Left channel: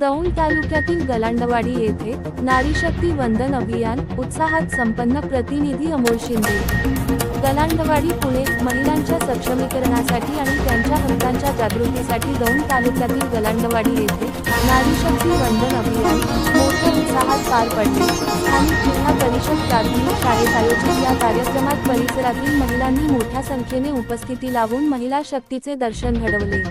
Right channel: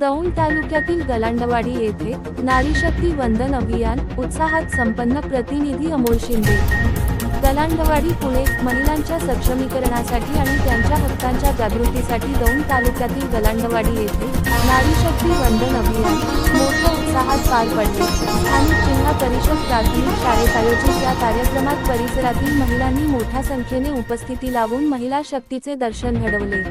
दौंड तालुक्यातील गलांडवाडी येथे नारी शक्ती वंदन अभियान उत्साहात संपन्न. प्रतिनिधी अमोल शिंदे. गलांडवाडी पुणे. महिलांच्या सक्षमीकरणासाठी आणि त्यांच्या हक्कांच्या जागृतीसाठी दौंड तालुक्यातील गलांडवाडी येथे नारी शक्ती वंदन अभियान मोठ्या उत्साहात पार पडले. स्थानिक जिल्हा परिषद प्राथमिक शाळेत आयोजित या कार्यक्रमात परिसरातील महिलांनी मोठ्या संख्येने उपस्थिती लावून महिला शक्तीचे दर्शन घडवले.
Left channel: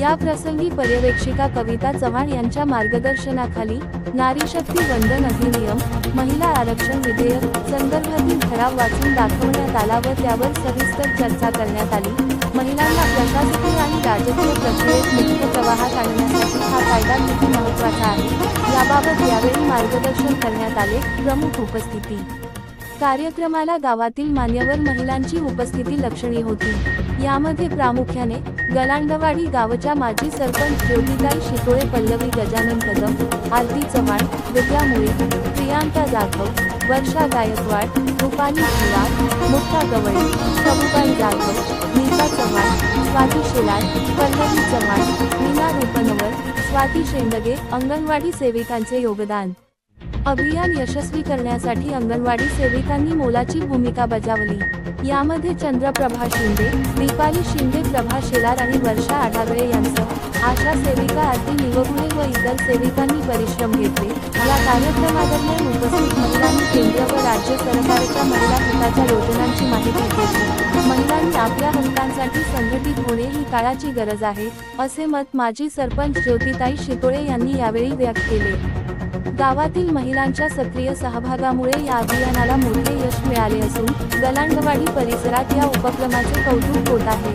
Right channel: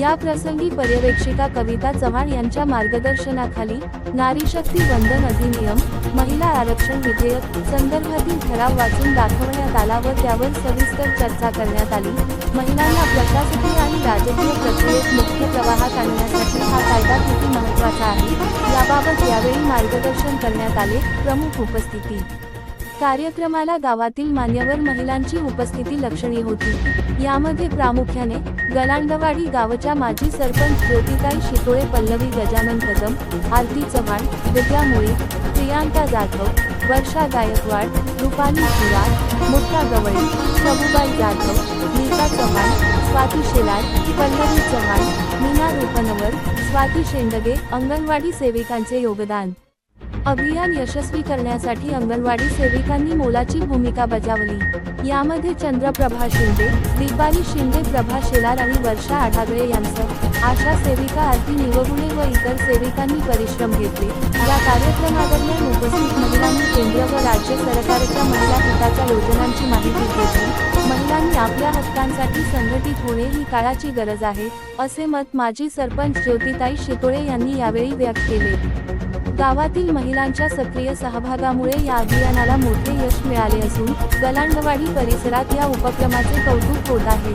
या प्रसंगी पर्यवेक्षिका कविता चव्हाण यांच्या मार्गदर्शनाखाली नारी शक्ती वंदन अधिनियम, महिला आरक्षण विधेयक संदर्भातील ठराव वाचून दाखवण्यात आला व त्यावर सविस्तर चर्चा करण्यात आली. महिलांना प्रशासकीय आणि राजकीय प्रक्रियेत मुख्य प्रवाहात आणण्यासाठी हा कायदा किती महत्त्वाचा आहे याबाबत यावेळी मार्गदर्शन करण्यात आले. प्रमुख उपस्थिती. कार्यक्रमाला गावातील मान्यवर महिलांची उपस्थिती लक्षणीय होती. यामध्ये प्रामुख्याने गलांडवाडी गावच्या माजी सरपंच ज्योतिताई शितोळे, पल्लवी गजानन कदम, आरती चव्हाण, विद्या मुळे, प्रियांका जाधव, वर्षा गायकवाड, रुपाली शिवार, मुक्ता गवळी, शबुबाई जाधव, नीता चव्हाण, स्वाती शेलार, पल्लवी चव्हाण, मीना रूपनवर, स्वाती शेंडगे, अंगणवाडी सेविकांचे योगदान. अभियान यशस्वी करण्यासाठी अंगणवाडी सेविकांनी मोलाची भूमिका बजावली. यामध्ये चंद्रप्रभा शिंदे, दीपाली शिंदे, प्रभा शेलार आणि वर्षा आढागळे यांसह आशा सेविका, आरती निवगुणे व इतर सेविकांनी परिश्रम घेतले. या कार्यक्रमादरम्यान उपस्थित महिलांनी केंद्र व राज्य सरकारच्या महिला हिताच्या योजनांची माहिती घेतली. महिलांनी आपल्या हक्कांसाठी संघटित होणे ही काळाची गरज आहे, असे मत माजी सरपंच ज्योतिताई शितोळे यांनी यावेळी व्यक्त केले. गावातील महिलांच्या सक्रिय सहभागामुळे या अभियानाला मोठे यश मिळाले असून गलांडवाडी परिसरात या उपक्रमाचे कौतुक होत आहे.